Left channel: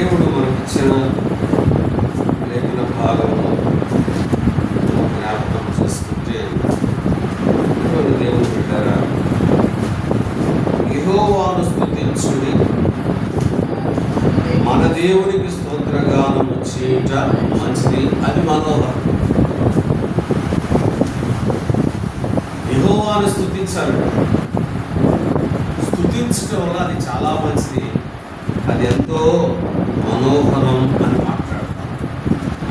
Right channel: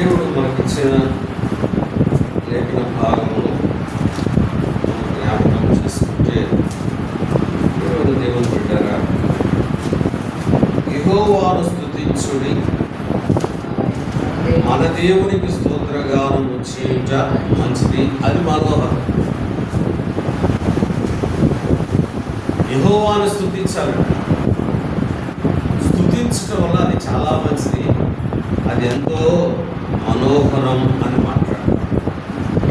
దేవుడు మనకిచ్చిన లేఖన భాగంలో జ్ఞాపకం చేసుకుంటే, దేవుడు పెట్టారా, యెహోవాను స్తుతించుడి, మన దేవునికి స్తోత్రగానము చేయుట మంచిది, అది మనోహరం. యెహోవాను స్తుతించాలండి. స్తుతించడం వల్ల అది చాలా మంచిది, అది ఎంతో మనోహరం అని మాట్లాడతాం.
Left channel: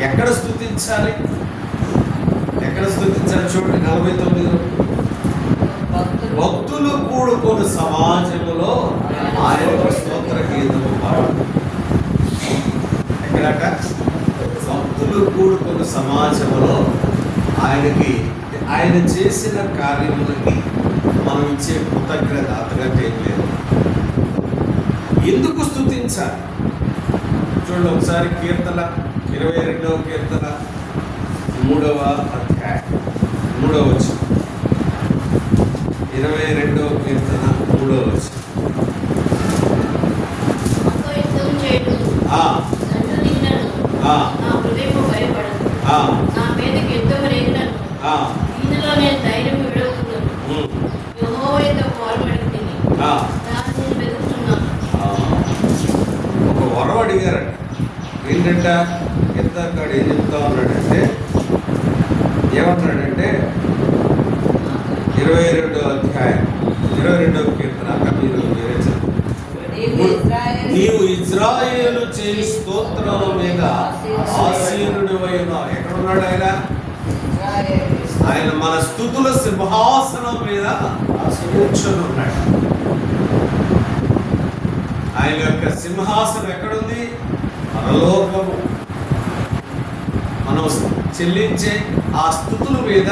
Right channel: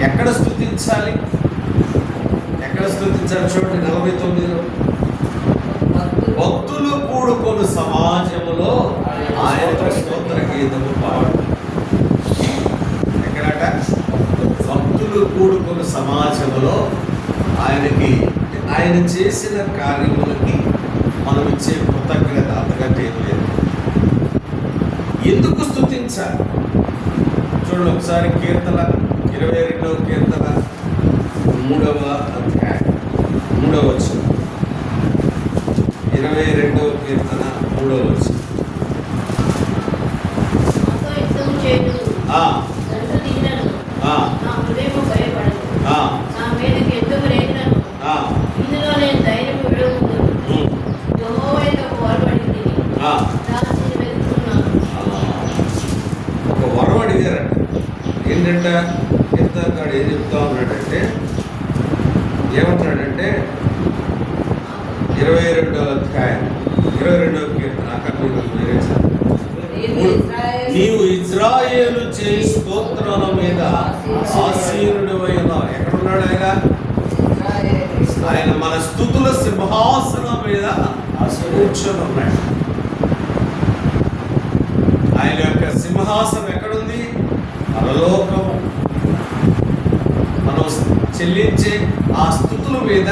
ఎక్కడ స్తుతించాలి? చూడండి 49. భక్తులు కూడుకొని సమాజములో ఆయనకు స్తోత్ర గీతము పాడు. ఎక్కడట? భక్తులు కూడుకొని సమాజములో ఆయనకి, ఆయన చేసిన కార్యములకి మనం ఇచ్చే కృతజ్ఞత అంతకంటే ఏం లేదు. ఎందుకు స్తుతించాలి? చూడండి ఒకసారి కీర్తన 22వ కీర్తన 3వ అధ్యాయం 3వ వచనం. 22వ కీర్తన 3వ వచనం. ఒక వరం అడిగారంట. ఏంటంట? కీర్తనకాడు ఏం చెప్తా ఉన్నాడంటే, ఏమంటున్నాడంటే 22వ అధ్యాయం 22వ కీర్తన, అక్కడ మీరు వేరే నీవు ఇజ్రాయేలు చేయి స్తోత్రాల మీద ఆసీనుడు అయినా. ఎక్కడున్నాడు ఆయన? ఆయన మన స్తుతుల సింహాసనం మీద కూర్చొని ఉన్నాడు. ఆయన యొక్క సింహాసనం ఎక్కడుంది? పరలోకము. మనం చెల్లించే ఆ స్తుతుల మీద,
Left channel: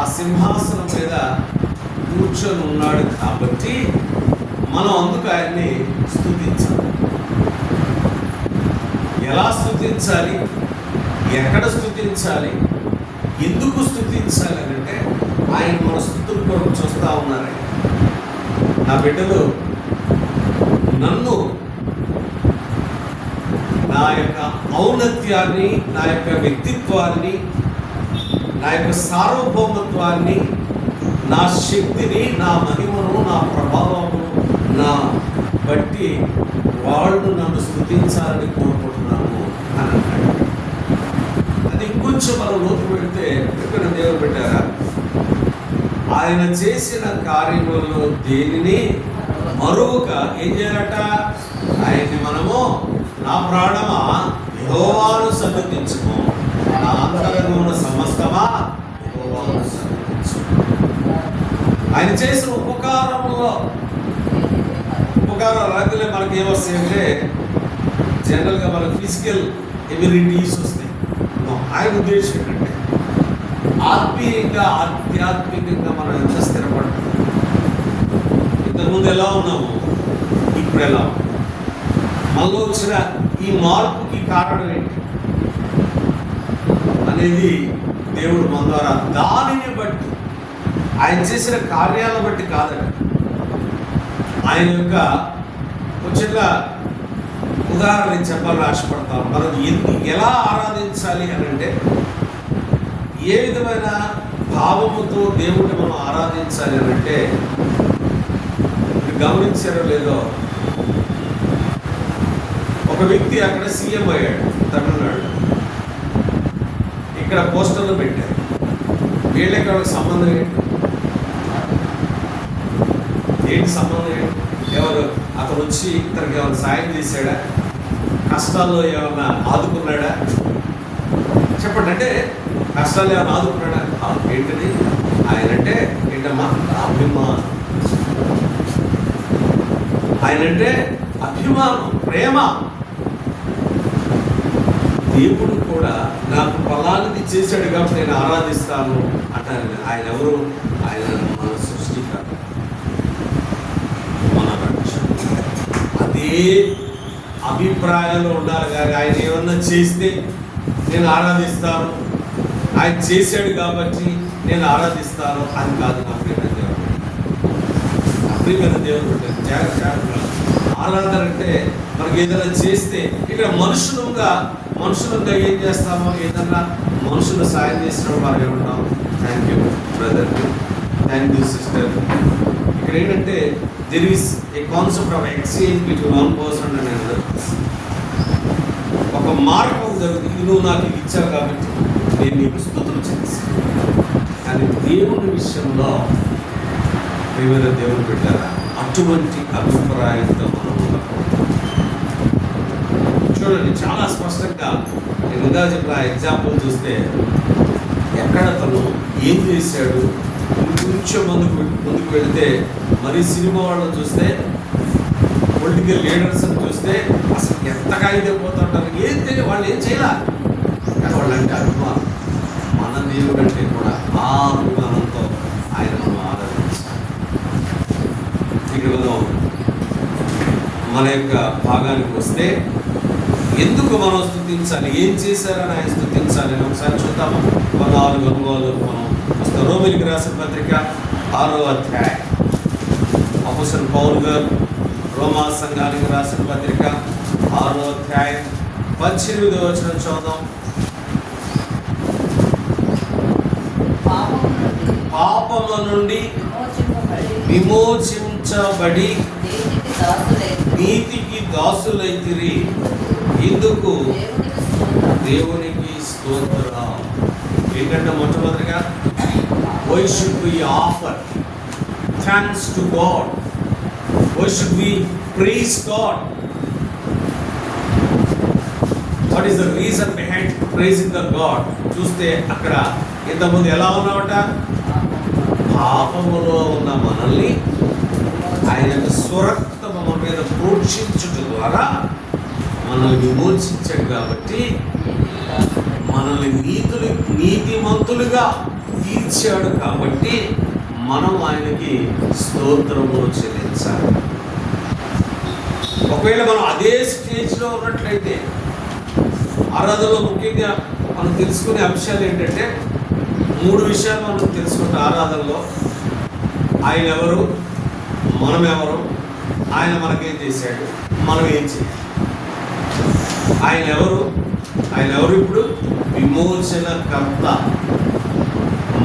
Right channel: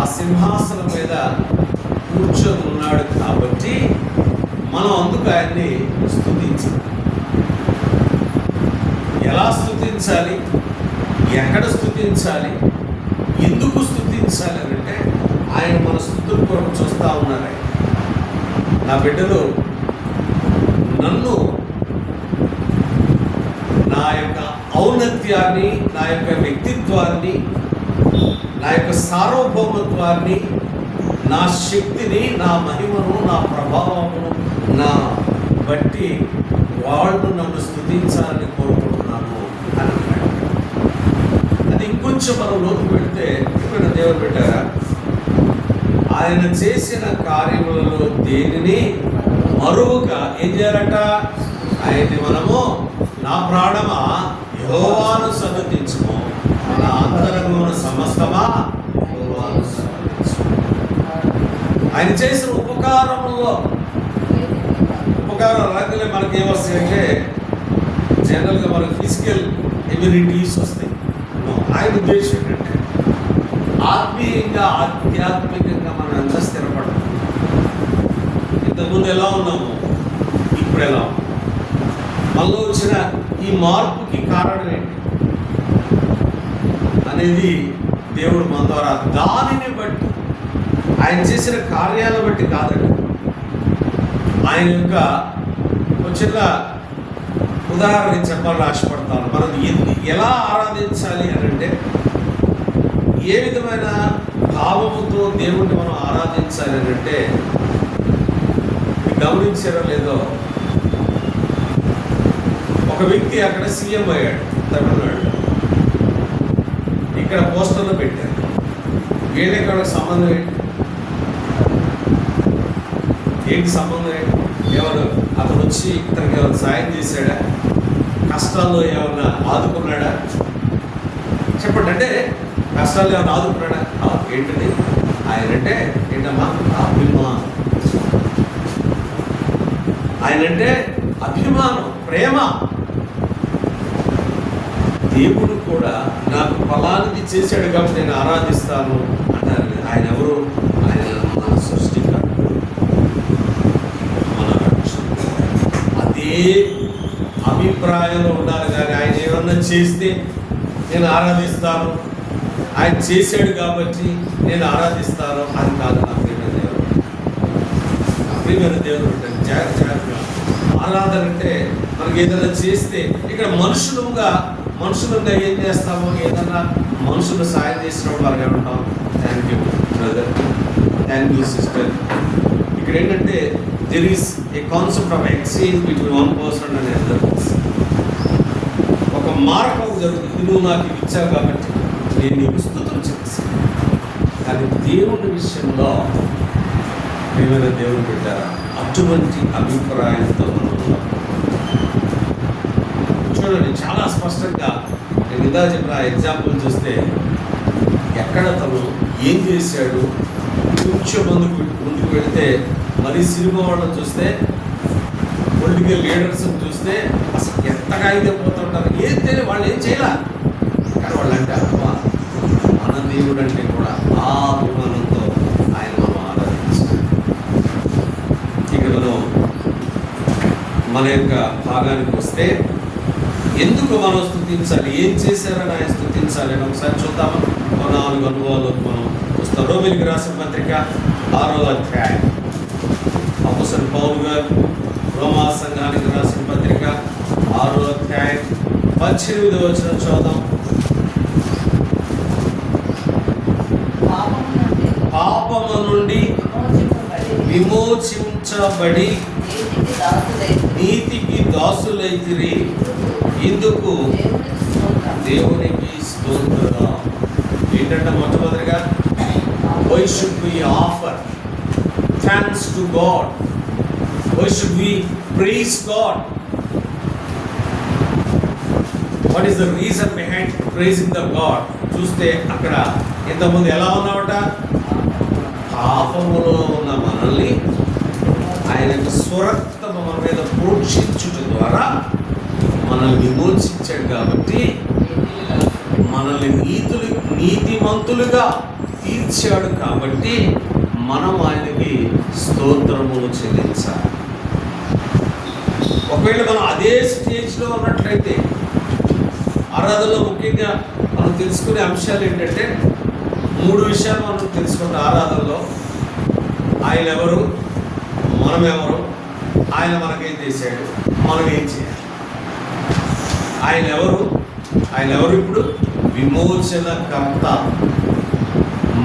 ఆ సింహాసనం మీద కూర్చొని ఉన్నాడు కాబట్టి మనం అందుకు ఆయన్ని స్తుతించాలి. ఎలా స్తుతించాలి? ఎక్కడ స్తుతించాలి? ఎందుకు స్తుతించాలి అని అంటే, ఆయన మన స్తుతుల కొరకు చూస్తూ ఉన్నారు. నా బిడ్డలు నన్ను, నా యొక్క ఔన్నత్యాన్ని, నా యొక్క వ్యక్తిత్వాన్ని, నా యొక్క సార్వభౌమత్వాన్ని, నా శక్తిని, నా మహిమను, నా ప్రభావమును నా బట్టి వాళ్ళు నన్ను స్తుతించాలని కోరుకుంటున్నాను అని అన్నాడు. అది ఇంకొంచెం మనం లోతు పెడితే, ఇక్కడ దేవుడు పెట్టారా, ఆయన చేసిన కార్యములలో దేనిని మరువక ఏం చేయాలట? ఆయన్ని మనము, నా ప్రాణమా యెహోవాను సన్నుతించుము, నా అంతరంగమున సమస్తమా యెహోవాను సన్నుతించుము. ఆయన చేసిన ఉపకారాలు రాగానే మనకి ఏమొస్తాయంటే, జనరల్గా మనకు ఫిజికల్ ఎబిలిటీస్ వస్తాయి. ఆయన ఉద్దేశం ఏంటంటే, ఆత్మీయంగా, ఆధ్యాత్మికంగా మనం ఎంత స్థిరపడతాం. ఇంతకుముందు ఎలా ఉన్నాము, ఇప్పుడు ఎలా ఉన్నాము, మనలో వచ్చిన ఈ మార్పుకి కారణం ఏంటి అనేది దేవుడు మన ద్వారా, దానిని బట్టి, ఆయన చేసిన కార్యాలను బట్టి కాదండి. ఆయన యొక్క చిన్న ఉదాహరణ చెప్పాలని ఆశపడతాను. మనం ఎలా ఆరాధించాలి అని అంటే, ఏ విధమైన భావముతో దేవుడిని మనం ఆరాధించాలి అని అంటే, గమనించారో లేదో, ఒక వ్యక్తి అక్కడ సీఎం అయ్యాడు తమిళనాడు. ఇక్కడ పోస్టర్లు పెట్టారు. వీళ్ళకి వాళ్ళకి సంబంధం ఏంటి సంబంధం ఏంటి? ఎవరు అతను వచ్చి ఇతనికి ఏమైనా సాయం చేశాడా? కష్టాల్లో ఏమన్నా ఆదుకున్నాడా? చెప్పండి. అంటే కష్టాల్లో ఏమైనా ఆదుకున్నాడా? ఏంటది? ఆయనంటే ఏంటమ్మా? అభిమానం. ఆయనంటే అభిమానం, ప్రేమ. దేవుడు కూడా నాకు ఫలానిది చేశాడు కాబట్టి నేను ఆరాధిస్తాను అంటారు. ఆయన ఎవరు? ఆయన మన సృష్టికర్త, మన రక్షకుడు. అదే అభిప్రాయంలో ఉండాలి. కానీ ఆయన ఏమన్నా చేస్తే నేను ఆరాధిస్తాను, ఆయన చేశాడు కాబట్టి నేను ఆరాధిస్తాను, అది కాదు. నా ప్రియమైన దేవుడు, నా ప్రియమైన దేవుడు జాగ్రత్తగా ఆరాధన అంటే మనకి ఏదైనా చేస్తే ఇక్కడ మనుషులుగా ఏం చేస్తామో, ఏదన్నా మనుషులు సాయం చేసినప్పుడు మనం ఏమంటాం, thank you brother, thank you sister. ఇక్కడ ఏంటంటే there is a concept of exchange between one person and another person. ఒక మార్గం జరుగుతుంది, నువ్వు నాకు ఇది ఇచ్చావు కాబట్టి నేను నీకు స్తుతులు చెల్లిస్తాను. కానీ దేవుని విషయంలో ప్రియమైన దేవుని పెట్టారా, అటువంటి అభిప్రాయంతో మనం చూడండి. చాలా స్పష్టంగా నేను ఇందా చెప్పిన ఎగ్జాంపుల్ చూస్తే ఎక్కడ తను ఏం చేశాడు, కొంచెం ముందుకు వెళితే మరి సినిమా వాళ్ళని చూస్తే, పొలిటికల్ లీడర్స్ని చూస్తే అసలు ఎంతగా అయిపోతుంటారు. ఏం తెలియదు, వాళ్ళు ఏం చేయాల, కానీ వాళ్ళు అంటే అభిమానం. మన దేవుడు అంటే కూడా ఆ అభిమానంతో ఆయన మనం ఆరాధించాలి. ఇక్కడ మనం మన యొక్క భాగానికి వస్తే ఎందుకు మనం స్తుతించాలి, ఏం చేశారని ఆయన స్తుతించాలి అని ఒకసారి చూద్దామా. 4 అనుభవాలు మనం చూస్తాం. రోమిలికి రాసిన పత్రిక 6వ అధ్యాయం, అపోస్తలుడు పౌలు గారు రోమా సంఘానికి రాసిన పత్రిక 6వ అధ్యాయం 18వ వచనం చూద్దాం. పాపము నుండి విమోచించబడి నీతికి దాసులైతిరి, ఇందుకు దేవునికి స్తోత్రం. ఏంటంటే మొట్టమొదటిగా why should we offer thanks to God, why should we praise God. What is the reason behind praising the God? చూస్తే అక్కడ ఇంతకుముందు ఎలా ఉన్నావట, పాపములో ఉన్న మనల్ని ఆయన యొక్క స్వరక్తము మన మీద ప్రోక్షించుట ద్వారా మనల్ని విమోచించాడు. కాబట్టి మనల్ని నీతిమంతులుగా తీర్చాడు. కాబట్టి మనం ఆయనకి స్తోత్రము చెల్లించాలి. ఒకవేళ మనం అదే స్టేజ్లో ఉన్నట్లయితే ఆరాధనలో ముఖ్యంగా మనం తెలుసుకునే అంశాలు ఏంటంటే 3 విషయాలు మనం తెలుసుకుంటాం ఆరాధనలో. ఆయన ఎవరు, మనం ఎవరు, ఆయన మనకేం చేశాడు, మనం ఏం చేయాలి. ఆయన ఎవరు ఇప్పుడు విమోచనకర్త.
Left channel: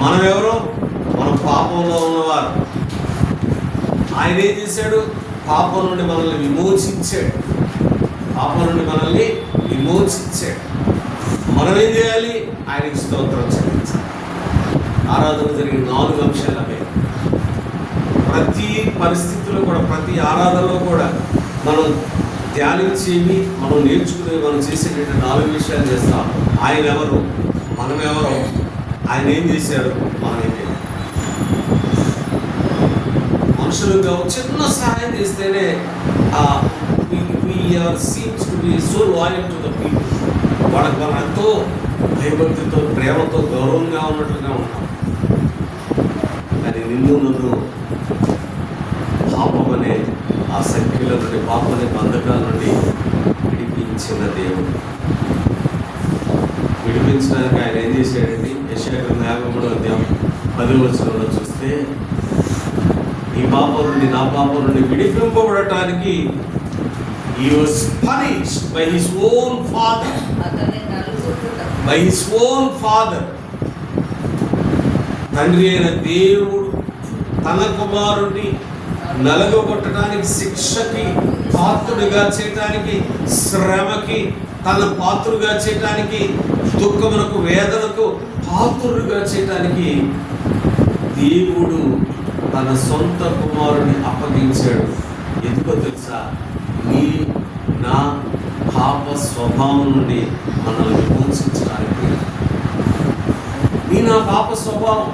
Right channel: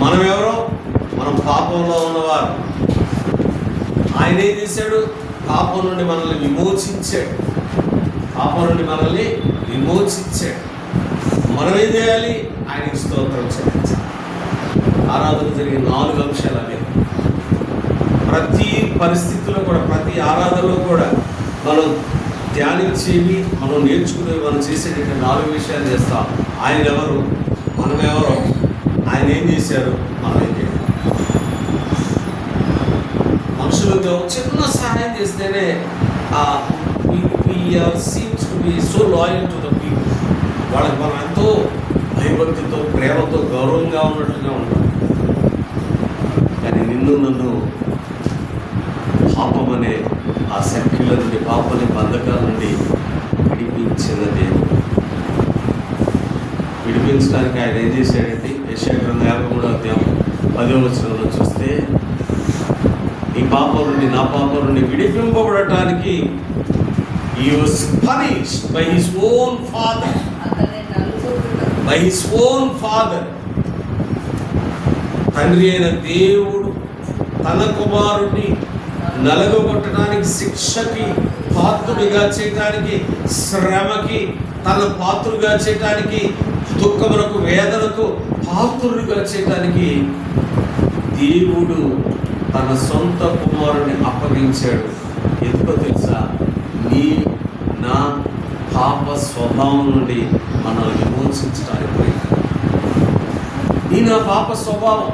మనం ఎవరు, మనం పాపంలో ఉన్నవారు. ఆయన ఏం చేశాడు, పాపం నుండి మనల్ని విమోచించాడు. మనం ఏం చేయాలి, ఆయనకి స్తోత్రం చెల్లించాలి. ఆరాధన జరిగే 4 అంశాలు అవే. ప్రతి పరిస్థితిలో కూడా, ప్రతి ఆరాధనలో కూడా మనం ధ్యానించేవి, మనం నేర్చుకునేవి, మనం చేసేటువంటి 4 విషయాలు చేస్తాం. ఆయన ఎవరు, మనం ఎవరో, ఆయన ఏం చేశారు, మనం ఏం చేయాలి. మనుషులుగా చిన్న సహాయం చేస్తేనే seems to be so loyal to the people. వాళ్ళకి మనం ఎంతో భయభక్తితో, ప్రేమతో, గౌరవంగా ఉన్నట్లుగా ఉంటాం. కానీ నన్ను పాపం అనే ఆ సంఖ్యల నుండి, పాపం అనే బంధకాల నుండి విడిపించిన దేవుడు. విడిపించడానికి ఆయన ఏం చేశాడంటే, యెషయా గ్రంథం 53వ అధ్యాయం 10వ వచనంలో చూస్తే, నీ పాపం నుండి, నా పాపం నుండి విడిపింపబడటానికి he was punished by his own father. తండ్రి అయిన దేవుడు తన కుమారుడిని నలగొట్టడానికి, శిక్షకి పాత్రుడిగా చేయటానికి, శ్రమకి తన పాత్రుడిగా చేయటానికి, దుఃఖమునకు, వేదనకు పాత్రుడిగా చేయటానికి దేవుడు తన సొంత కుమారుడిని అప్పగించాడు. ఎందుకో తెలుసా, నా పాప స్వభావం నుండి మనల్ని విమోచించడానికి. నా పాప స్వభావం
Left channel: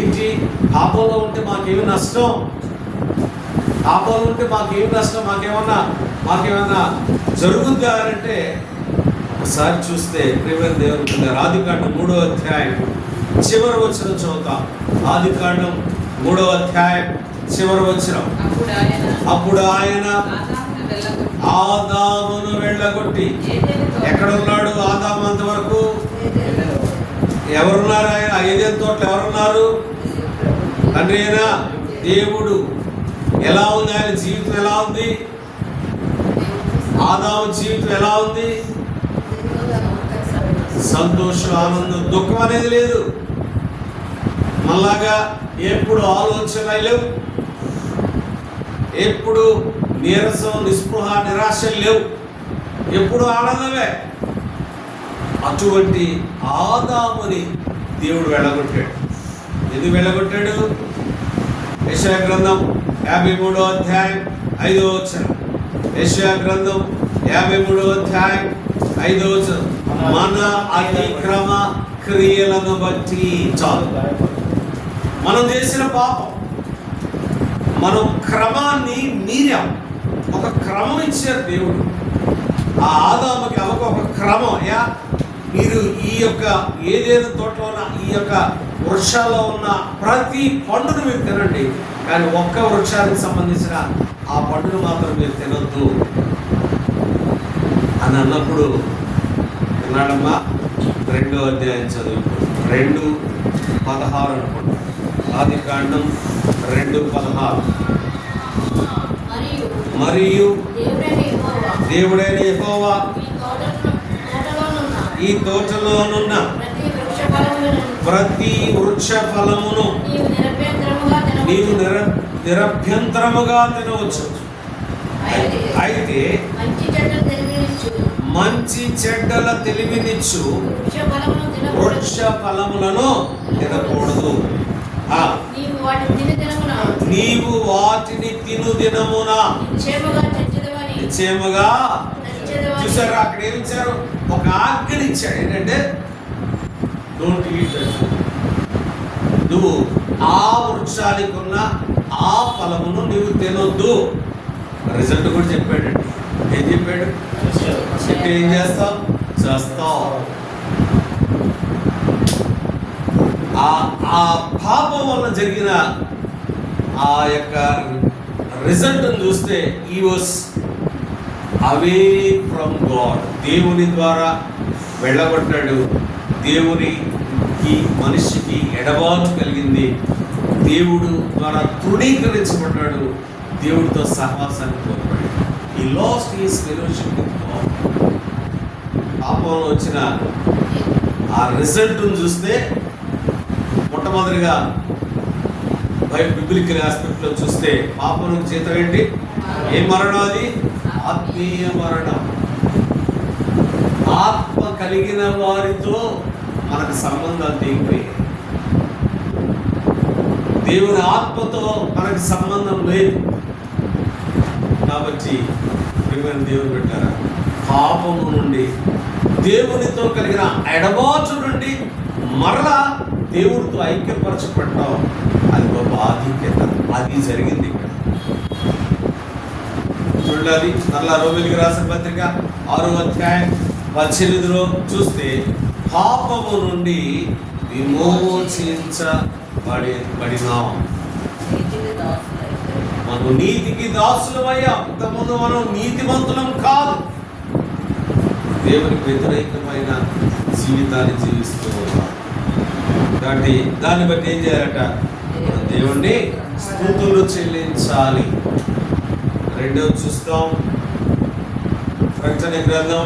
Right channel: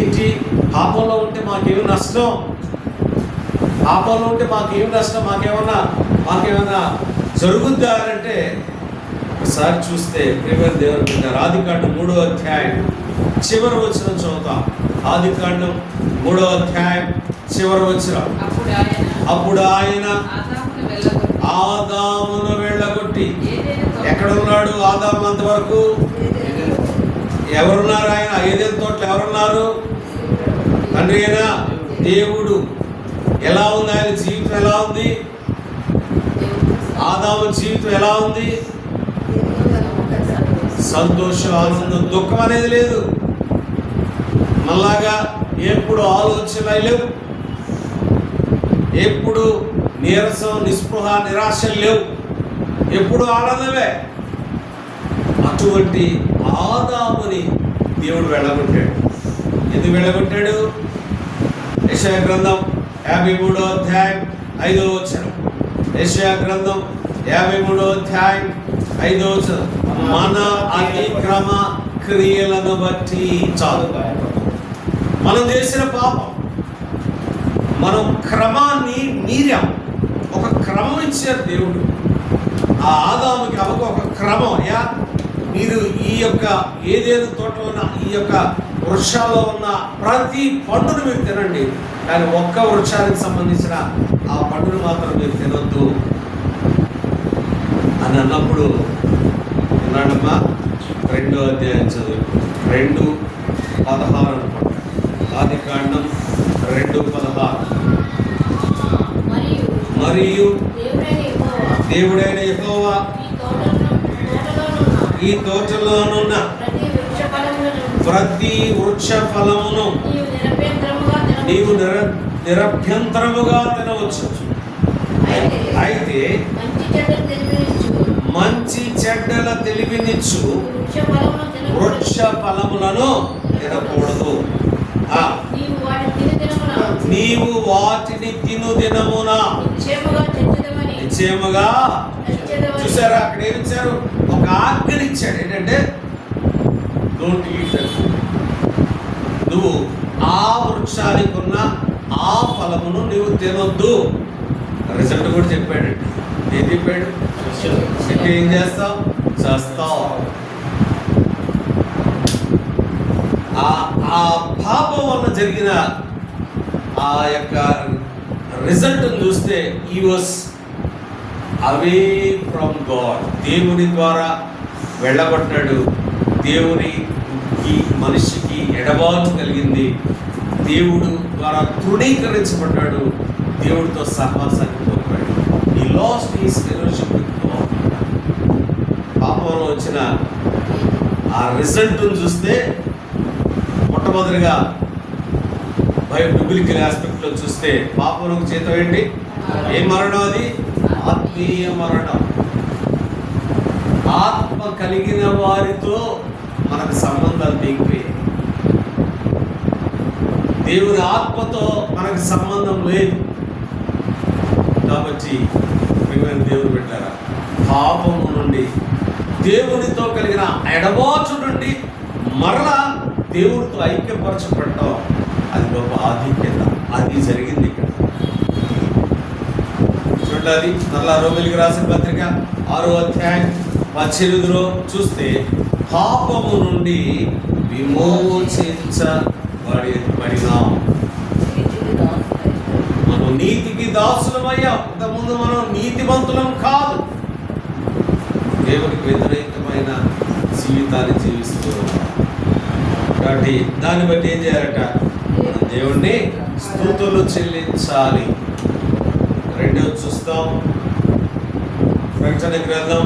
ఏంటి? పాపంలో ఉంటే మాకేమి నష్టం? పాపంలో ఉంటే మాకేమి నష్టం? మాకేమన్నా జరుగుద్దా అంటే ఒకసారి చూస్తే ప్రియమైన దేవుని బిడ్డ, ఆదికాండం 3వ అధ్యాయం చివరి వచనం చదువుతాం. ఆదికాండం 3వ అధ్యాయం చివరి వచనం. అప్పుడు ఆయన ఆదామును వెళ్ళగొట్టి, ఎక్కడ ఉన్నాడు ఆదాము అంతవరకు? ఎవరున్నారు? ఆయన ఏదైనా తోటలో ఎవరున్నారు? తండ్రి అయినా దేవుడు. ఎలా ఉంది ఆయన జీవితం? ఎలా ఉంది? ఆదాము జీవితం ఎలా ఉంది? సంతోషం, ఆనందం, దుఃఖం అనేది లేదు. మళ్ళాగా ఎప్పుడు ఆలోచన లేవు, ఎప్పుడు నీరసం, నిస్పృహ, నిరాశ లేవు, ఎప్పుడు ఆనందమే. అటువంటి ఆదాముని దేవుడు వెళ్ళగొట్టాడు. ఎందుకు వెళ్ళగొట్టాడు? యెషయా గ్రంథం 53వ అధ్యాయం 5వ వచనం. యెషయా గ్రంథం 53వ అధ్యాయం 5వ వచనం. మన అతిక్రమ క్రియలను బట్టి, చాలు, మనం చేసిన పాపం, మనం క్రమాన్ని మీరాం. ఒక క్రమం ఇచ్చారు దేవుడు ఆ ఆదాముకి, ఒక క్రమం. మీరు ఈ యొక్క ఏదేను తోటలో ఉన్న ఈ యొక్క వృక్షాల్లో ఉన్న ప్రతి పండును మీరు తినండి, కానీ ఒక్క వృక్షానికి సంబంధించిన ఆ పండును మాత్రం మీరు తినొద్దు అని అన్నప్పుడు విన్నాడమ్మా. 2వ అధ్యాయం చదువు, 2:16 అనుకుంటా. ఆదికాండం 2:16. మరియు దేవుడైన యెహోవా ఈ తోటలోనున్న ప్రతి వృక్ష ఫలమును నీవు నిరభ్యంతరముగా తినవచ్చు. అయితే మంచి చెడ్డల తెలివినిచ్చు వృక్ష ఫలములను తినకూడదు. నీవు వాటిని తిను దినమున నిశ్చయముగా. చూసారా, అక్కడ ఏమిచ్చారు? ఒక ఆజ్ఞని ఇచ్చాడు. ఏంటంటే డోంట్ ఈట్ దట్ ఫుడ్. నువ్వు ఆ వృక్షానికి ఉన్న ఆ ఫలమును నువ్వు తినొద్దు. రిజల్ట్ కూడా చెప్పాడండి. ఏం చెప్పాడు? చెప్పి ఏం చేస్తావు? చేస్తావు. ఆ పాపం వల్ల జరిగిన ఆ యొక్క రిజల్ట్ చూస్తే ఈ వాస్ అవే ఫ్రమ్ గాడ్. దేవుని ద్వారా వెళ్ళగొట్టాడు. దేవునికి మనిషికి ఎడబాటు కలిగింది. దేవుడు ద్వారా తృణీకరించబడ్డాడు. దేవుడితో సహవాసాన్ని కోల్పోయాడు. ఈ last is fellowship with God. పాపంలో వచ్చిన ఆ రిజల్ట్ను చూస్తే మొట్టమొదటిగా బిబ్లికల్ ఆస్పెక్ట్లో చూస్తే పాపంలోకి జీతం ఏంటి? ఏ మరణం అది? ఆత్మీయ మరణం. ఆత్మ కలిగిన వారితో మనకు సంబంధాలు తెగిపోయాయి. దేవుని ఆత్మతో మనకు సంబంధం లేదు. కాబట్టి దేవుని పెట్టారా, పాపము నుండి, దేవునితో కలిగిన ఎడబాటు నుండి మరలా దేవుడితో ఐక్యపరచబడటం, అది గొప్ప ఆధిక్యత. అది జరిగింది ఇక్కడ. చూడాలి మరలా రోమిలికి రాసిన పత్రిక 6వ అధ్యాయం 18లో చూస్తే, పాపము నుండి విమోచించబడినాం. మనం నీతికి దాసులమయ్యాం. ఇంతకుముందు మనం నీతిమంతులం కాదు. దేవునికి వ్యతిరేకమైన జీవితాన్ని జీవిస్తూ ఉన్నాం. కాబట్టి దాన్ని బట్టి ఏం చేయాలట? దేవుణ్ణి స్తుతులు చెల్లించాలి. రెండవది చూస్తాం, ప్రకటన గ్రంథం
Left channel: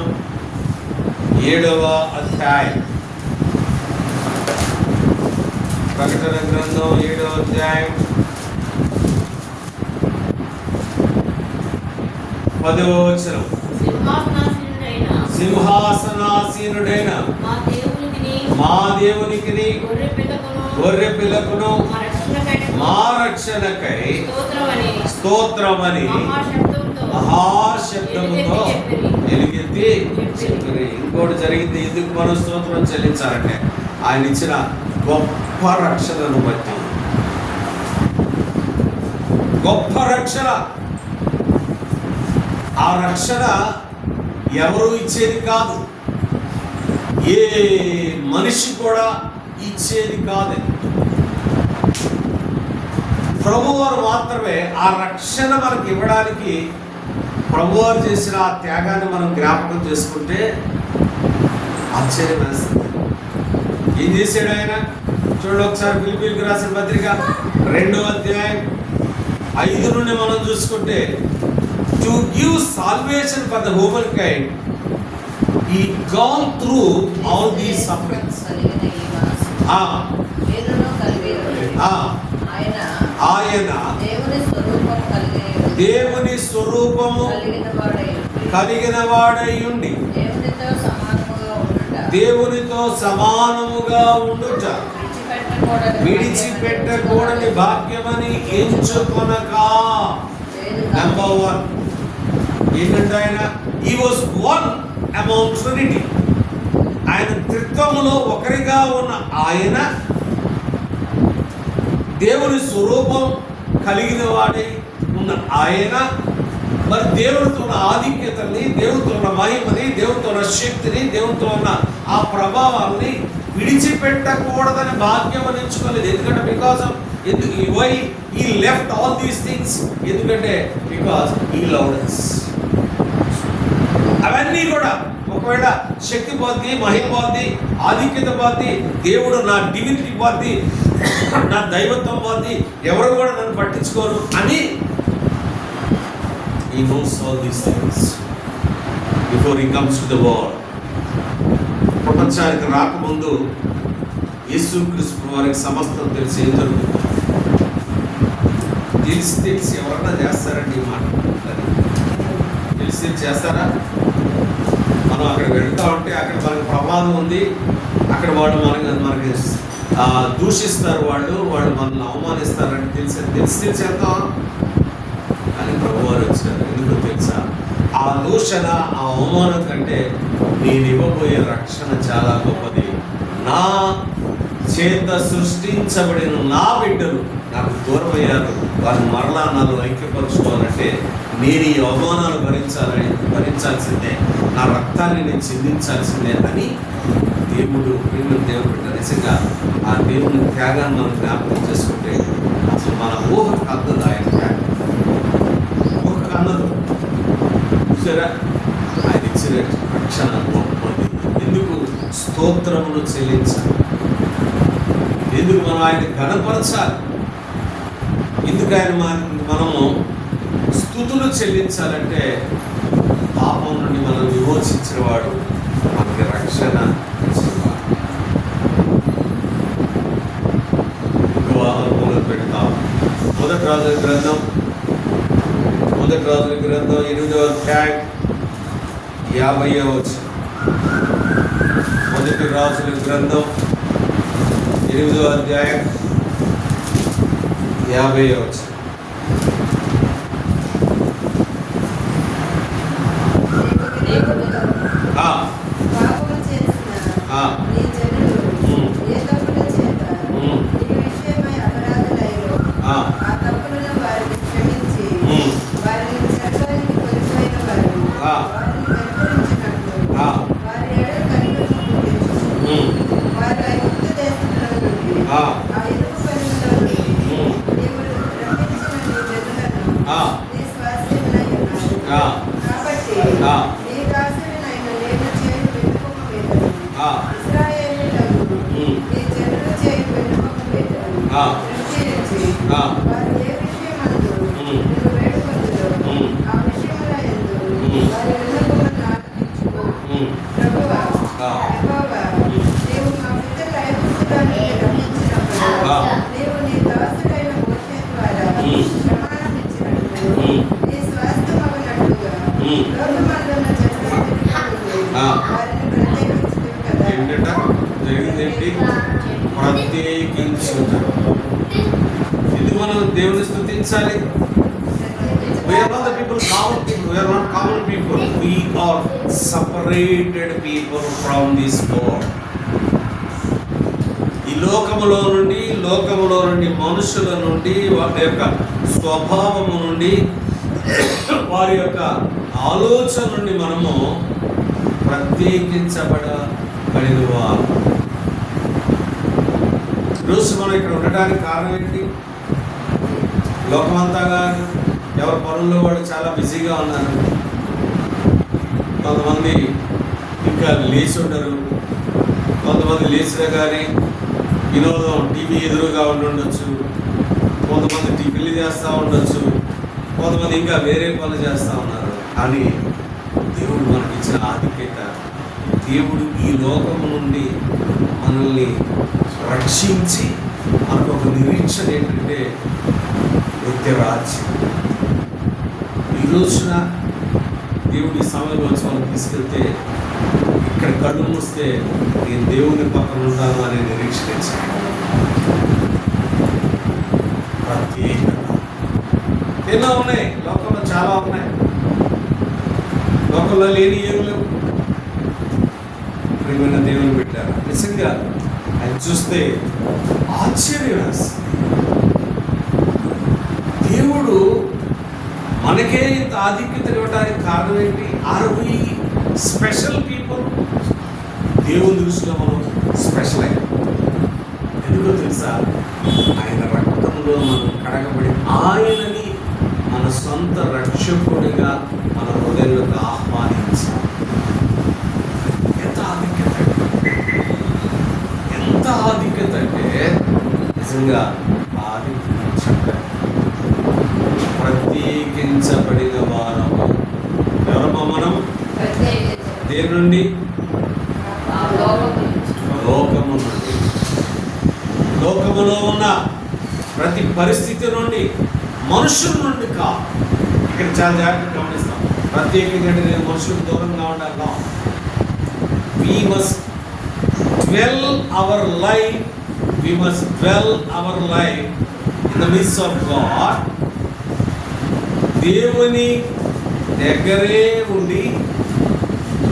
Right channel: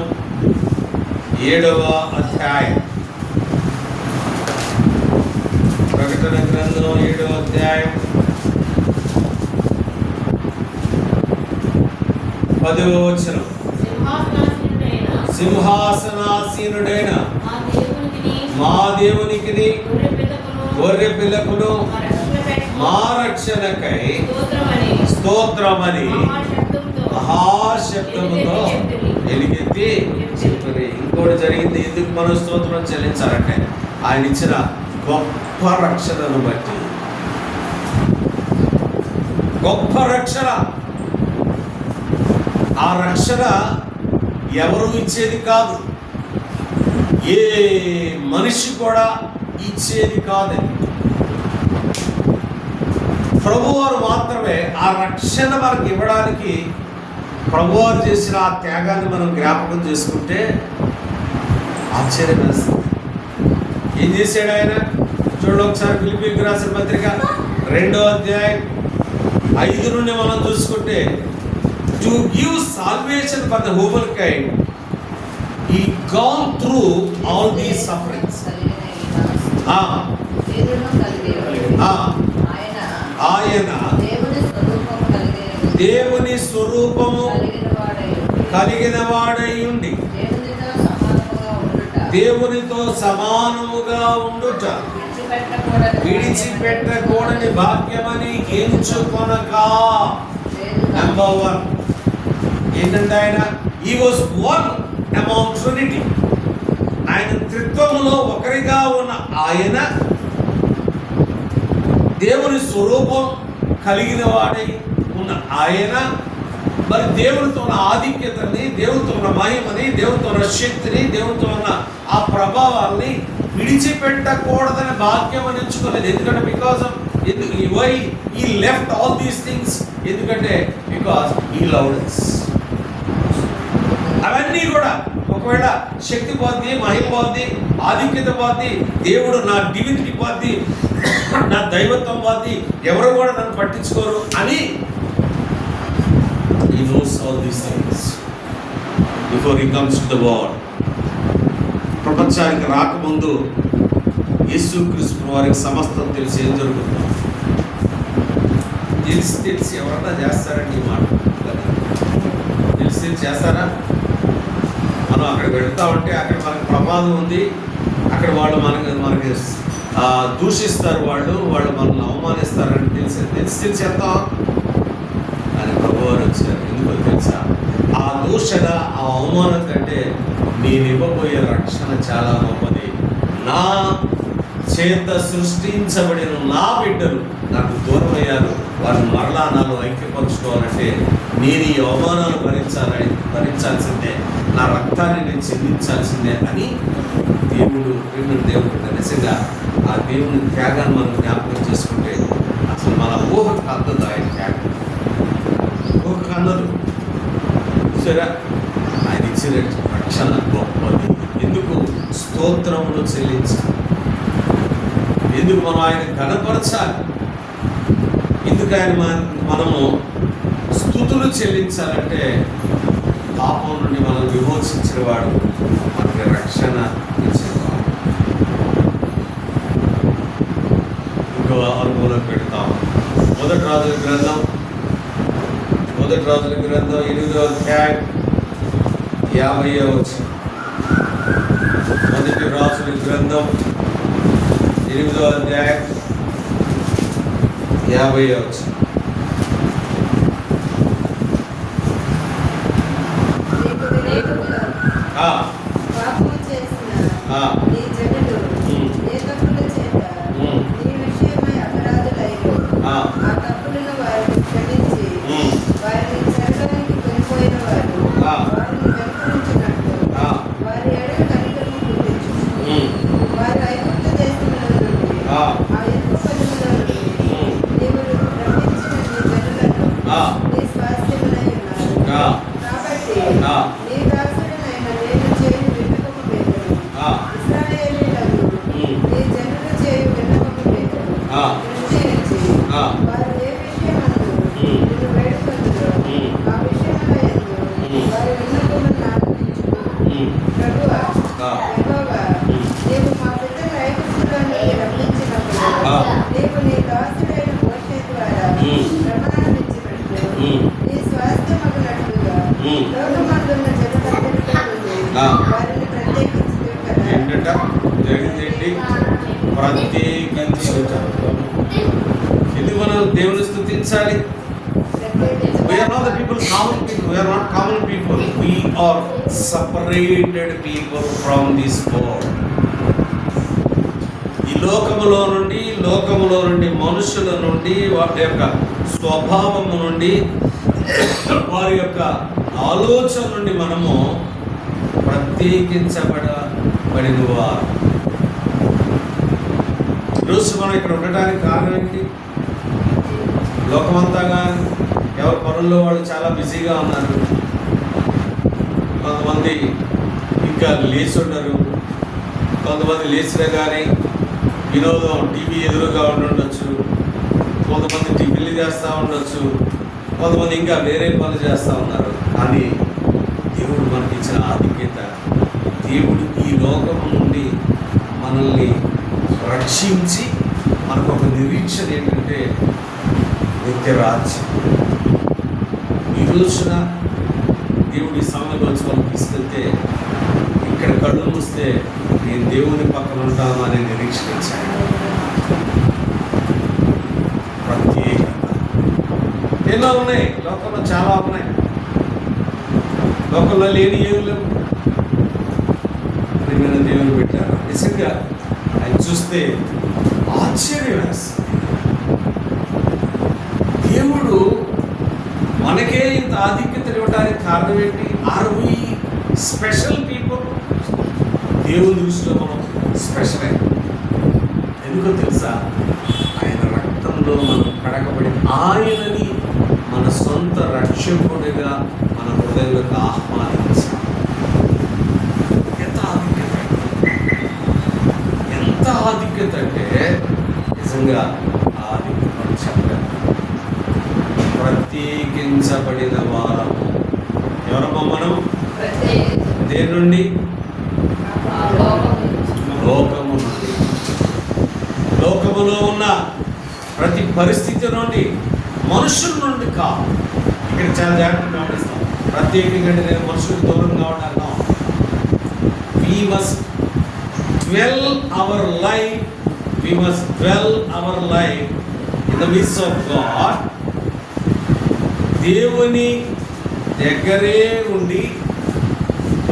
7వ అధ్యాయం. ప్రకటన గ్రంథం 7వ అధ్యాయం 10వ వచనం. సింహాసనాసీనుడైన మా దేవునికి గొర్రె పిల్లకును మా రక్షణకై స్తోత్రమని మహాశబ్దముతో ఎలుగెత్తి చెప్పిరి. ఇంకోటి జరిగింది. ఎందుకు మనం స్తోత్రం చెల్లించాలంటే ఆయన ఇచ్చిన గొప్ప రక్షణను బట్టి. గొప్ప రక్షణ. ఆ రక్షణ ఎవరు ఇచ్చేది కాదు, ఏ మనిషి కూడా ఇచ్చేది కాదు. ప్రభువారు మాత్రమే ఆ రక్షణ మనకి ఇవ్వడానికి. ప్రభువారు చేసిన ఆ త్యాగాన్ని మనం జ్ఞాపకం చేసుకుంటే ఆశ్చర్యం వేస్తుంది. ఏం చేశాడు ఆయన? చూడండి ఒకసారి ఫిలిప్పీయులకు రాసిన పత్రిక 2వ అధ్యాయం 5 నుండి మనం చూసుకుంటే, to give salvation for the human kind he gone through all these sufferings. ఆయన దేవుని స్వరూపము కలిగిన వాడై ఉండి దేవునితో సమానముగా ఉండుట విడిచిపెట్టకూడని భాగ్యమని ఎంచుకొనక. నెంబర్ 1 ఏంటంటే ఆయన he was one among Trinity. ఆయన త్రిత్వములో ఒకరిగా ఉన్న ఆయన దేవుని స్వరూపం కలిగిన వాడై ఉన్న ఆయన మరి దేవునితో ఉన్న ఆధిక్యతని, దేవునితో ఉన్న మహిమని, దేవునితో ఉన్న శక్తిని, దేవునితో ఉన్న ఆ ప్రభావాల్ని విడిచిపెట్టకూడదని భాగ్యం అని ఎంచుకోలేదు. ఎందుకంటే బికాస్ ఆఫ్ వై ఈ లెఫ్ట్ ఆల్ దీస్ థింగ్స్, ఎందుకంటే బికాస్ ఈ లవ్డ్. అవన్నీ కూడా ఒకవేళ శక్తి పోద్ది, మహిమ పోద్ది, ఆధిక్యత పోద్ది, దేవుడు నా డివినిటీ పోద్ది, నా దైవత్వం పోద్ది, ఎవరు కూడా నన్ను పట్టించుకోరు అని he knows all these things before he comes to the world. ప్రపంచానికి రాకముందు యేసుక్రీస్తు వారికి సమస్తం తెలిసి ఏం జరుగుతుందో తెలిసి ఎవరన్నా చేస్తారండి ఈ మాట? తెలిసి చేస్తారా? మనం అక్కడికి వెళ్తా ఉంటే అక్కడ మనకి ప్రమాదం ఉంది, అక్కడ వాళ్ళు మనకి దూషిస్తారు, వాళ్ళు మనల్ని అవమానిస్తారని తెలిసి వెళ్తాం. అని ప్రభువారు వచ్చారు. ఎందుకో తెలుసా? ఆ దూషణ, ఆ అవమానం కంటే నేను ఇవ్వబోయే రక్షణ చాలా గొప్పది. నా చేత సృష్టించబడిన నా బిడ్డలు నాకు దూరం అయ్యారు, వారిని మరలా నాలో ఐక్యపరచుకోవాలంటే నేను ఈ అవమానాలు భరించాల్సిందే, నా రక్తాన్ని నేను చెందించాల్సిందే అని దేవుడు బిడ్డ నిజంగా ఆ దేవుని త్యాగాన్ని మనం జ్ఞాపకం చేసుకుంటే అసలు మన ఊహకు అందదు. ఆయన త్యాగం ఊహకు అందదు. చూసారా? ఆయన ఇచ్చిన రక్షణ గొప్పది. ఎందుకు స్తోత్రమును చెల్లించాలి? ఎందుకు మనం ఆయన ఘనపరచాలి? ఎందుకు ఆయన మనము స్తుతులు చెల్లించాలంటే పాపం నుండి మనం విమోచించిన వాడు, మనకి రక్షణ ఇచ్చేవాడు. ఇంకో అనుభవంలో పెడతాం. మొదటి రాజుల గ్రంథం 8వ అధ్యాయం 50వ వచనం. మొదటి రాజుల గ్రంథం 8వ అధ్యాయం 50వ వచనం. ఏంటట జరిగిందేంటి? ప్రత్యేకించుట. ఎందుకు మనం దేవుని స్తుతించాలి? We are not the people, common people. We are not common people. We are separated people from this world. ఈ లోకములో నుండి మనుషుల నుండి, వారి యొక్క స్వభావము నుండి, వారి యొక్క ఆలోచన నుండి మనము ప్రత్యేకించబడిన వారు. ఈరోజు మనం ఇక్కడ ఉండడానికి కారణం ఏంటి? లోకమంతా కానీ ఎవరి పనుల్లో వాళ్ళు చాలా బిజీగా ఉన్నారు. కొంతమంది ఇంకా లేచి ఉండరు, కొంతమంది లేచినా కానీ వినోదం టీవీ ఎదురుగా ఉండొచ్చు, కొంతమంది టిఫిన్లు చేస్తూ ఉండొచ్చు, కొంతమంది ఇంకా వేరే పనులు చేస్తూ ఉన్నారు. కానీ దేవుడు మనకిచ్చిన ఆధిక్యత, దేవుడు ఈ లోకము నుండి మనల్ని రక్షించి మనకు ఒక నిరీక్షణ ఏంటంటే నిత్యరాజ్యం. ఈ రోజున దేవుడి సమయంలోంచి మనం తీసుకెళ్తే ఇక్కడ కళ్ళు మూస్తే నేను దేవుని పక్కన ఉంటాను అనే నిరీక్షణ ఇచ్చాను. ప్రత్యేకత ఎన్నో ఉన్నాయి, లోకంలో చాలా ఉన్నాయి. లోకంలో లేని ఏమి లేవు. ప్రియమైన దేవుని పెట్టారు. నిజంగా ఆయన చూస్తే ఆశ్చర్యం వేస్తుంది. దేవుడు మనకే ఇంత ఆధిక్యత ఇవ్వడానికి కారణం ఏంటి? Are we special people? దేవుని దృష్టిలో మనం స్పెషల్ అయ్యాం. ఎందుకో తెలుసా? ఆయన రక్తంలో మనం కడగబడి ఆయనని మన సొంత రక్షకుడిగా మన హృదయంలోకి ఆహ్వానించాం. ఎంత ఆధిక్యత, ఎంత ఆధిక్యత అంటే నిజంగా ఆధిక్యత చెప్పలేము. ప్రత్యేకించబడిన వారము. ఎవరమ్మా మనం? దేని నుండి? లోకము నుండి. లోకములో ఉన్న ప్రతి పరిస్థితి నుండి, మనుషుల నుండి కాదు. ఇక్కడ చాలా జాగ్రత్తగా గమనిస్తాం. ప్రత్యేకంగా నేను మనుషులకు దూరంగా ఉండాలి. We must dwell our life in the midst of God. దేవుని దగ్గరే ఉండి,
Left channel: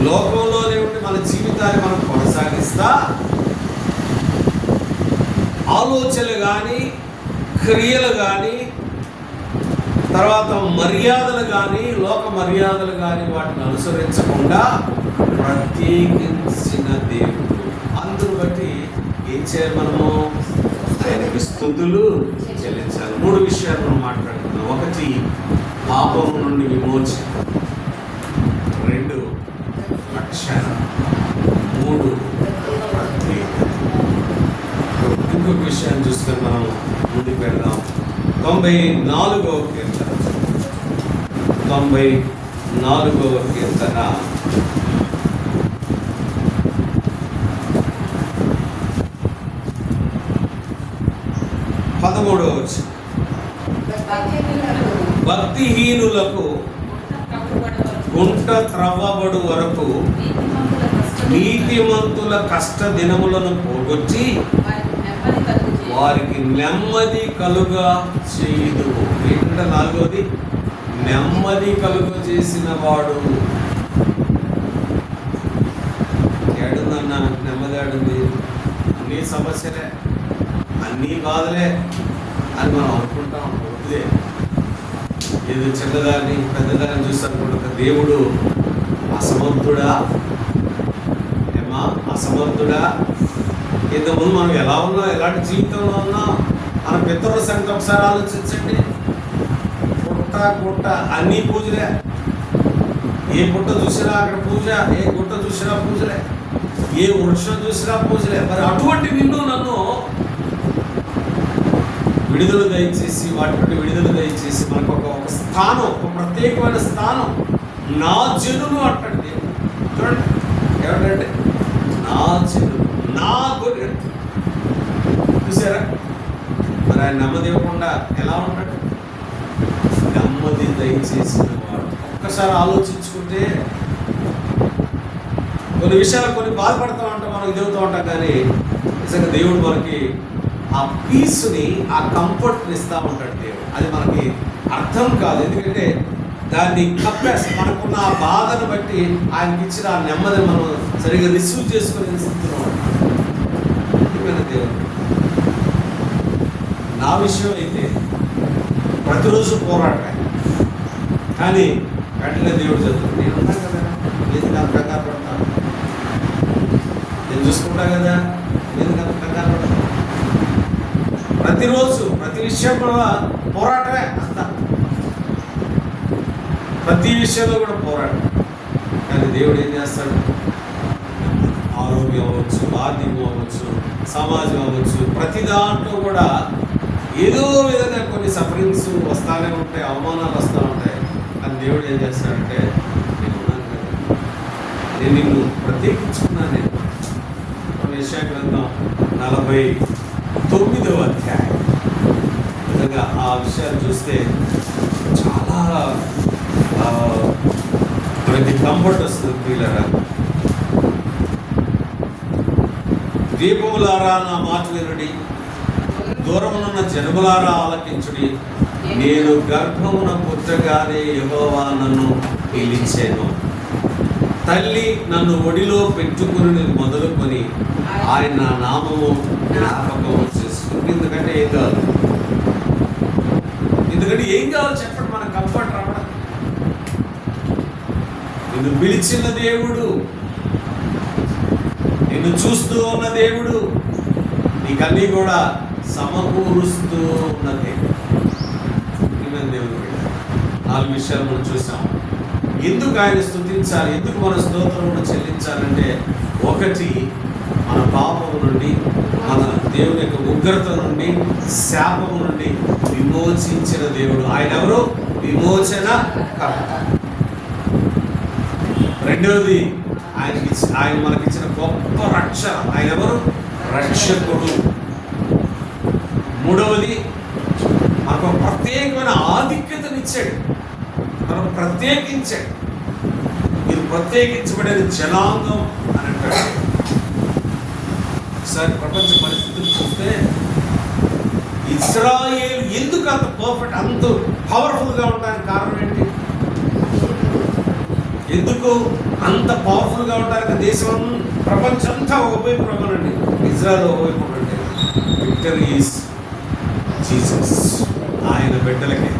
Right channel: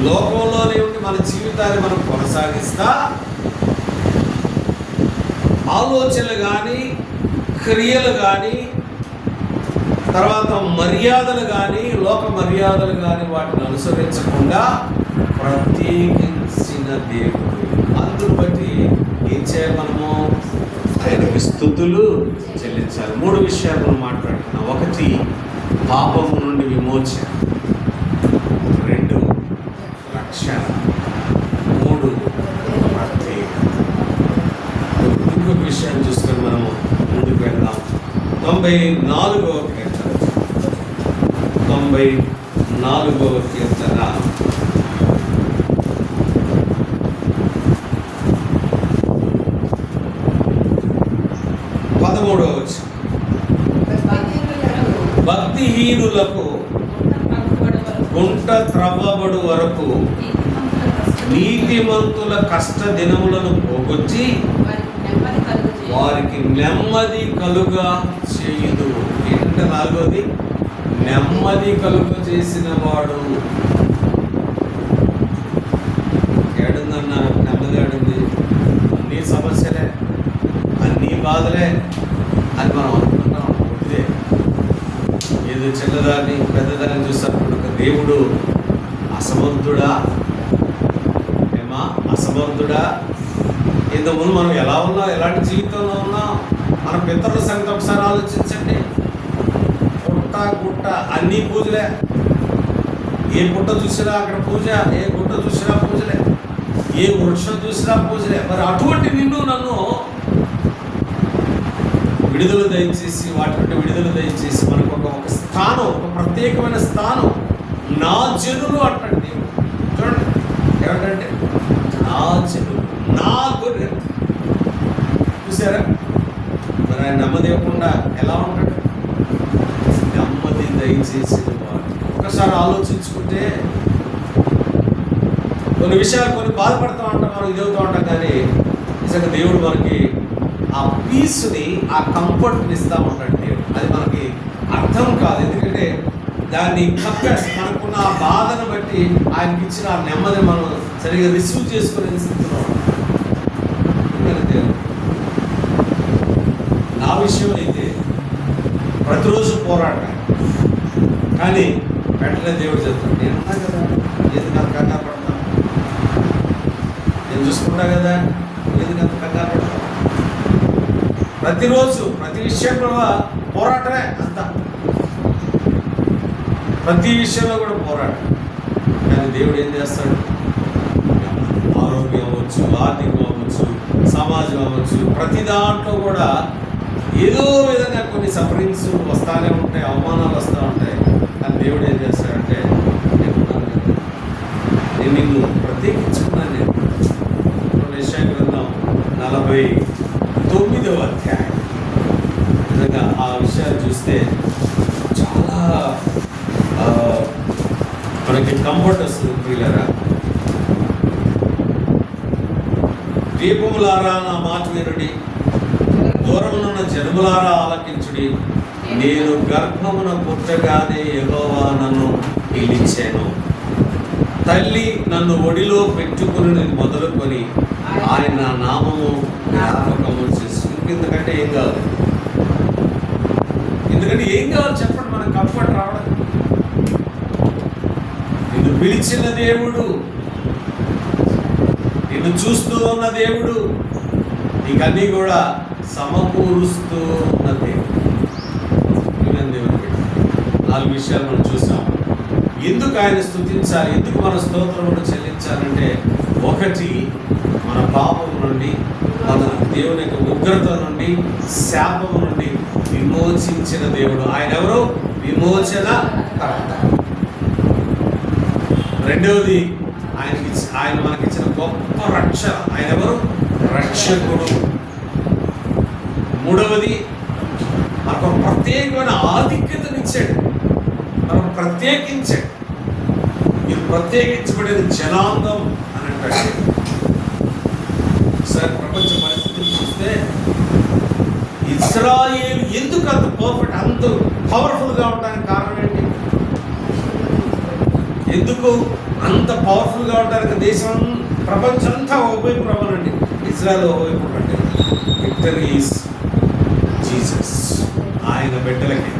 లోకంలోనే ఉండి మన జీవితాన్ని మనం కొనసాగిస్తా, ఆలోచనలు కానీ, క్రియలు కానీ, తర్వాత మర్యాదలు కానీ, లోక మర్యాదలు కానీ వాటిని అనుసరించకుండా ప్రత్యేకించిన దేవుడు. అందును బట్టి ఏం చేయాలి? మనము ఆయనకి స్తుతులు చెల్లించాలి. 3 విషయాలు మనం మాట్లాడుతున్నాం. 1, పాపము నుండి విమోచన. 2, రక్షణ. 3, ప్రత్యేకత. ఇంకొక విషయాన్ని చూసుకొని మనము ముందుకు వెళ్దాం. 94వ కీర్తన. 94వ కీర్తన 13వ వచనం. భక్తిహీనులకు గుంట త్రవ్వబడు వరకు నీతిమంతుల కష్ట దినములను పోగొచ్చి వారికి నెమ్మది కలుగా చేయుదు. ఏంటంటే 4వది, నెమ్మది కలుగ చేసిన వాడు. ఏడుందన్నా నెమ్మది? ఏడుంది? అన్నీ సమస్యలే, అన్నీ బాధలే అని మనం అనుకుంటాం. ఇదే ఏదో చిన్నదాన్ని పెద్దదాన్ని చూసినప్పుడు ఒక దేవుడు అసమర్థుడా? ఏమా అసమర్థుడా? ఇంతకుముందు మనం ఎలా ఉన్నాం, ఎలాంటి జీవితంలో ఉన్నాం? మన పితరుల సంగతి ఒకసారి ఆలోచించండి. పుట్ట గుట్ట అన్నీ పూజలే. ఏ పుట్ట చూసినా అక్కడ పూజ, ఏ గుట్ట చూసినా పూజలే, ఏ వృక్షం చూసినా పూజలే. మరి అటువంటి నిన్ను నన్ను విడుదల దయచేసి, వాటి నుండి విడుదల దయచేసి మనకు ఒక స్థానం, ఒక ప్రత్యేకమైన స్థానం. నా జనులు అంటాడు దేవుడు. చూడండి ఏమంటే నా జనులు, నా గొర్రె. చూసారా? మరి ఆయన నెమ్మది ఇవ్వకుండా ఎలా ఉంటాడు? నెమ్మది దయచేసిన వాడు. ఒక్కసారి ఆలోచించుకుంటే కొన్ని విషయాలు కొన్ని బాధపడుతూ ఉంటాం, మనం ఇదవుతూ ఉంటాం. కానీ నిజంగా దేవుడు మనకి ఆ పీస్ని, ఆ కంఫర్ట్ని ఇస్తూ ఉంటాడు దేవుడు. అది మనకి అర్థం కాదు. ఎందుకంటే దాన్ని కప్పేసి మనకున్న ఆ బాధను బట్టి ఆయనకి ఇచ్చిన ఆ నెమ్మదిని మనం సరిగ్గా రిసీవ్ చేసుకునే స్థితిలో దేవుడు. నా విషయం అయితే ప్రతిరోజు పోరాటం. కానీ వెంటనే దేవుడు చెప్తాడు, నేను ఉన్నా కదా, ఎందుకు అంత కంగారు పడతాను? నేను చూసుకుంటా కదా, ఎందుకు అంత కంగారు పడతాను? ప్రతిరోజు ప్రతి విషయం కూడా పోరాటమే. అంత ప్రతి విషయంలో కూడా పోరాటం. కానీ దేవుడు ఏం చేస్తాడు? ఆరోగ్యం అవ్వచ్చు, ఆర్థికం అవ్వచ్చు, సమాజం అవ్వచ్చు, ప్రతి దాంట్లో కూడా ఏదో విధంగా కొన్ని సఫరింగ్స్ వస్తానే ఉంటాయి, అవమానాలు వస్తూ ఉంటాయి. కానీ దేవుడు ఏం చేస్తాడంటే, నేను ఉన్నాను కదా, నేను నిన్ను ప్రత్యేకించుకున్నాను. నేను యెషయా గ్రంథం 49వ అధ్యాయం, నిజంగా ఆ విషయాలు చూస్తే చాలా మనకి కంఫర్ట్ వస్తుంది. ప్రియులారా, దీపములారా నా మాట వినుడి, దూరమునున్న జనములారా ఆలకించుడి. నేను గర్భమున పుట్టగానే యెహోవా నన్ను పిలిచెను, తల్లి నన్ను ఒడిలో పెట్టుకుని మొదలుకొని ఆయన నా నామము జ్ఞాపకము చేసుకుంటే ఎందుకంటే ఏం కావాలి, ఎందుకంటే ఏం కావాలి చెప్పండి, మనకు కంఫర్ట్ రావడం. నిన్ను పిలిచిన దేవుడు, నిన్ను చూస్తూ ఉన్న దేవుడు, నీకన్నీ కూడా సమకూరుస్తూ ఉన్న దేవుడు. దేవుడు పెట్టారు. 4 విషయాలు మనం చూసాం. ఎందుకు ఆయన స్తుతించాలి, ఎందుకు మన స్తోత్రమును చెల్లించాలంటే, ఒకటి మన పాపము నుండి, మన దేవుని యొక్క ఉగ్రత నుండి, శాపము నుండి విమోచించిన దేవుడు. ఆయన ఎవరు? విమోచన కర్త. రెండవది, ఆయన మనకిచ్చిన గొప్ప రక్షణ. ఆయన ఎవరు? రక్షకుడు. మూడవది, మనకు ప్రత్యేకమైన ఆధిక్యతనిచ్చాడు, మనకు ప్రత్యేకించాడు. మీరు ప్రత్యేకించబడిన జనాంగం అని అంటాడు. ఒకసారి ప్రపంచ పరిస్థితులు చూస్తే ఇజ్రాయేల్ ఎందుకు అంత పర్ఫెక్ట్, అంత పవర్ఫుల్గా ఉండడానికి కారణం ఏంటి? ఎందుకు అంత పవర్ఫుల్గా ఉండడానికి దేశం, ప్రపంచం అంతా ఒకవైపు రమ్మనండి, ఇజ్రాయెల్ ఒకవైపు ఉండండి. Victory is Jesus. ఆయన బిడ్డలకి,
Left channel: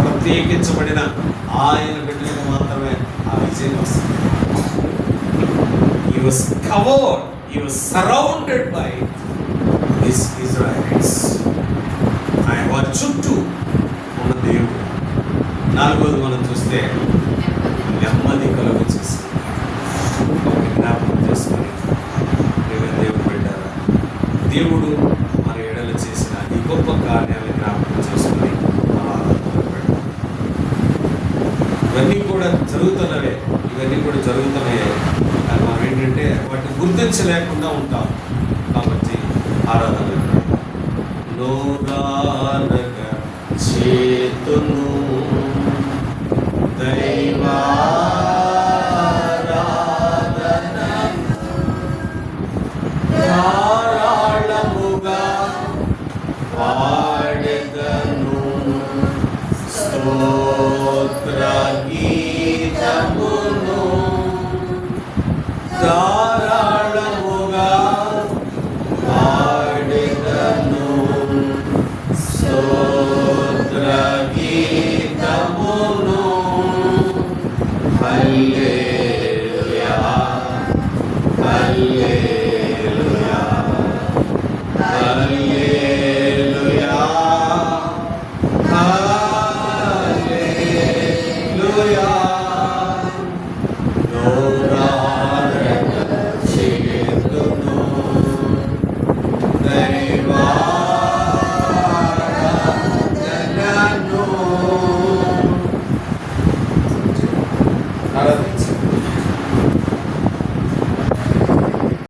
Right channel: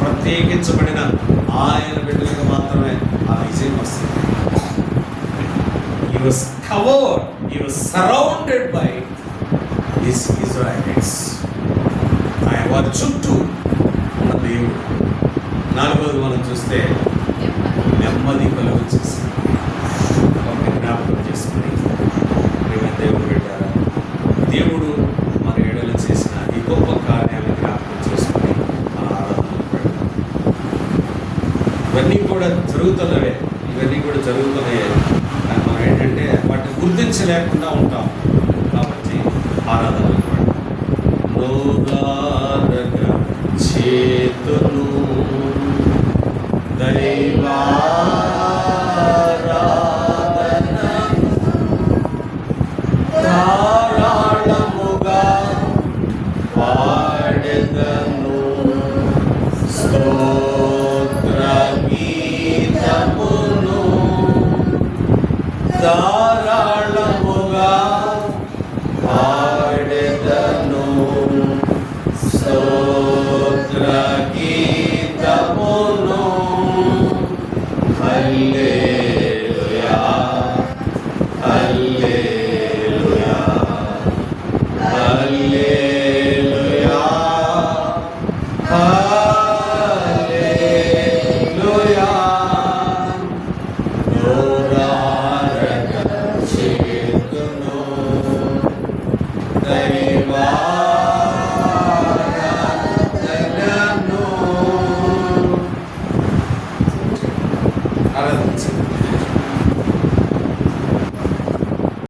ప్రత్యేకించబడిన ఆయన బిడ్డలకు మాత్రమే ఆ విజయం వస్తుంది. He was covered, he was surrounded by his Israelites. ఆయన వారి చుట్టూ ఉన్న దేవుడు. 4వది మనం చూస్తే నెమ్మది కలుగు చేసి జ్ఞాపకం చేసుకొని, దేవుడు పెట్టారా, దేవుడు మన ఎడలు చేసిన ఈ గొప్ప కార్యాన్ని జ్ఞాపకం చేసుకొని మన ఆరాధనలు పెడతాం. ఇవన్నీ కూడా జరుగుతున్నవే, కానీ మనం ఏంటంటే వాటిని గుర్తించలేకుండా ఉంటాం. కాబట్టి ఆరాధనలు పెడతాం. చేతును దైవా